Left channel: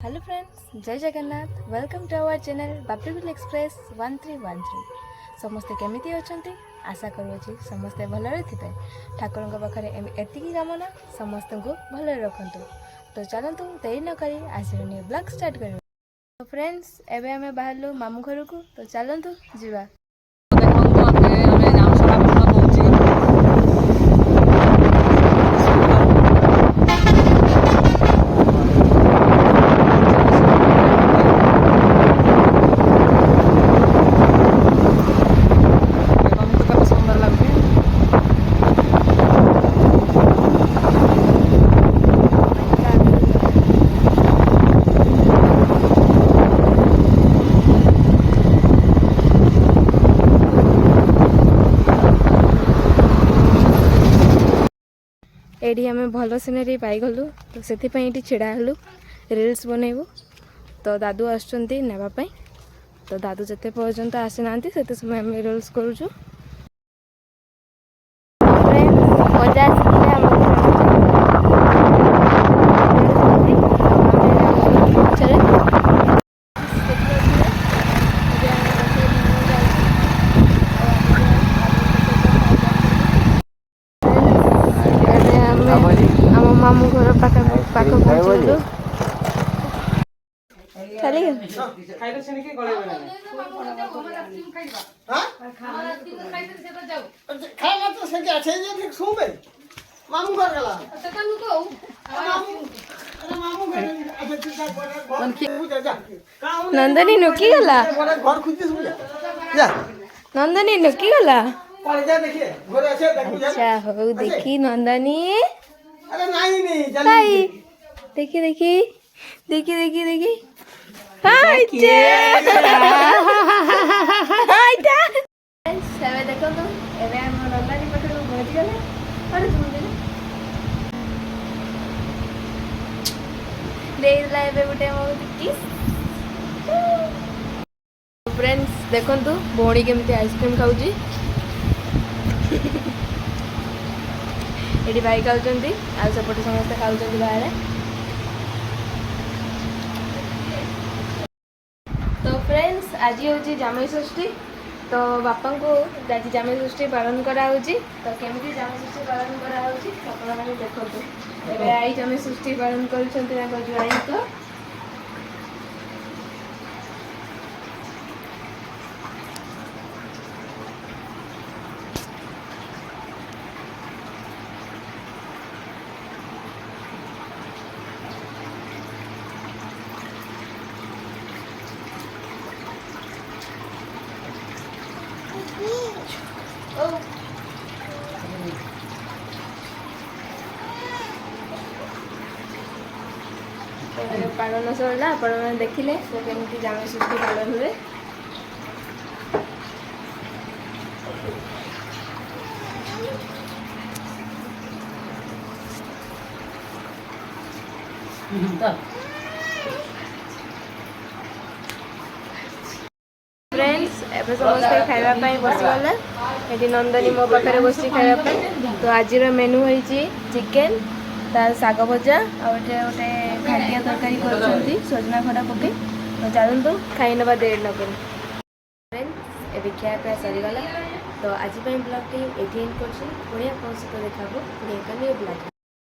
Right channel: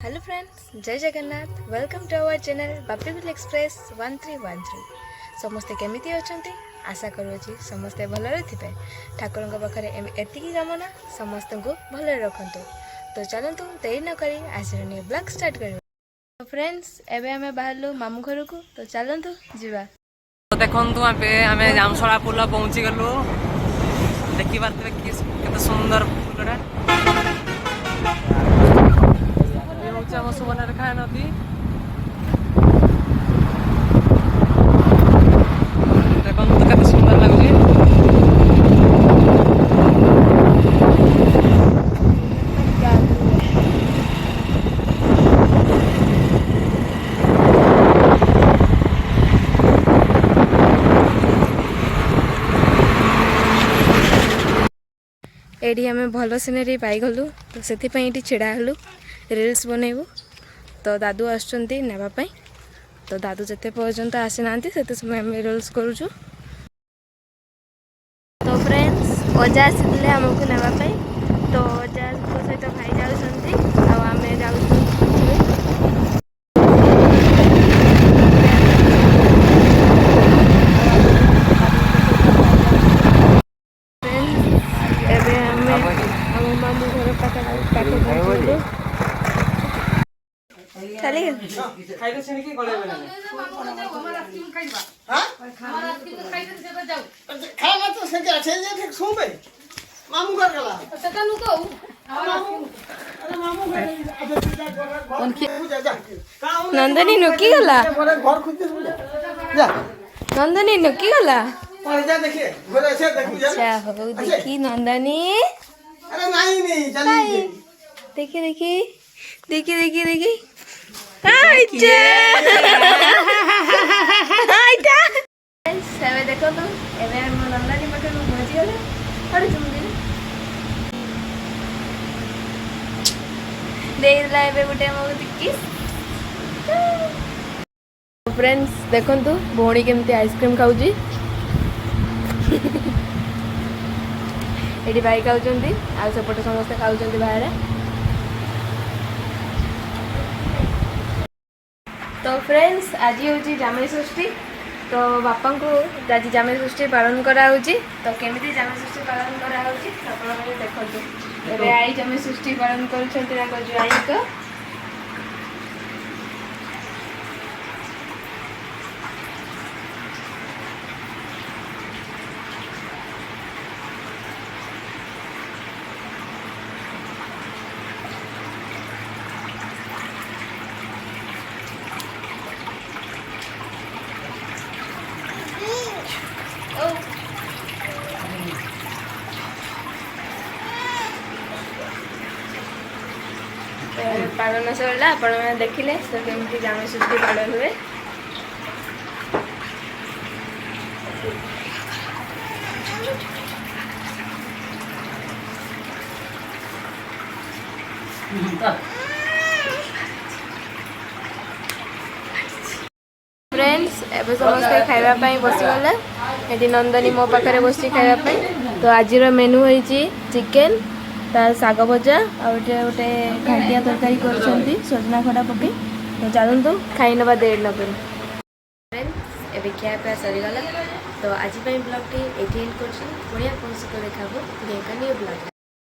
Hello friends, जय Jagannath. Welcome to our channel Bapigul express 1313। समस्ते केमिति अछंती? आशा करूँगी समस्ते भलरे थिबे। ठाकुरଙ୍କ पाखरे एतिकी कामना समस्त को भलरे रखंतु। तो चलंतु देरी न करी आज न्यू ब्लॉग स्टार्ट करियो। तो फ्रेंड्स एबे हमें बाहरलु मामू घर को, तो चलंतु जीवा। तो देखंतु आमे जामसड़ा पुल पहुंची गलु। देखिबा देखि सुंदर एडी आम भल सीनेरी पाईगलु, तो से छिड़ा हलु रिल्स बनइबू। तो दादू आसुचंती नेबापाई, तो दादू जिते पर्यंत आसी ना से समय आम रिल्स करूँ। तो फ्रेंड्स अजा आसी आमको नेबापाई, तो अजा सहित आम मामू घर पाख पहुँचलु। चली नंदनी नुकी गला, नंदनी नुकी गला। अच्छा हो देखी नंदनी, देखी देखी देखी देखी देखी देखो तो एवं नंदनी पाखे पहुँची गले। पड़े मुझे देला गोटे मो किस। फ्रेंड्स देखंतु भौणी केमती आइसक्रीम खाऊची। एडी भाई खाऊचंती आ सेपटे समस्ते खाऊचंती बाहर। तो फ्रेंड्स आज हूँ जामई षष्ठी, तो बापा को आज जामई षष्ठी पालन कराऊँगी। तो केमिति जामई षष्ठी पालन कराऊँगी आप देखते। एबे आई जामई षष्ठी पालन कर पालन सरला। आपण देखिले तो केमिति जामई षष्ठी पालन हुए। फ्रेंड्स एबे समस्ते खाइबा बसीगले। ये नंदनी मो पाखे बसी खाइबा। तो आज मेनू है चिकेन, तार साग भजा और गोटे घाटिया तरकारी कर सजना खड़ा पके। तो चलतु खाई ना देर न करूँ। फ्रेंड्स एबे खिया पिया सरीगला। तो आज ब्लॉग टी एंड कर देखा न्यू ब्लॉग।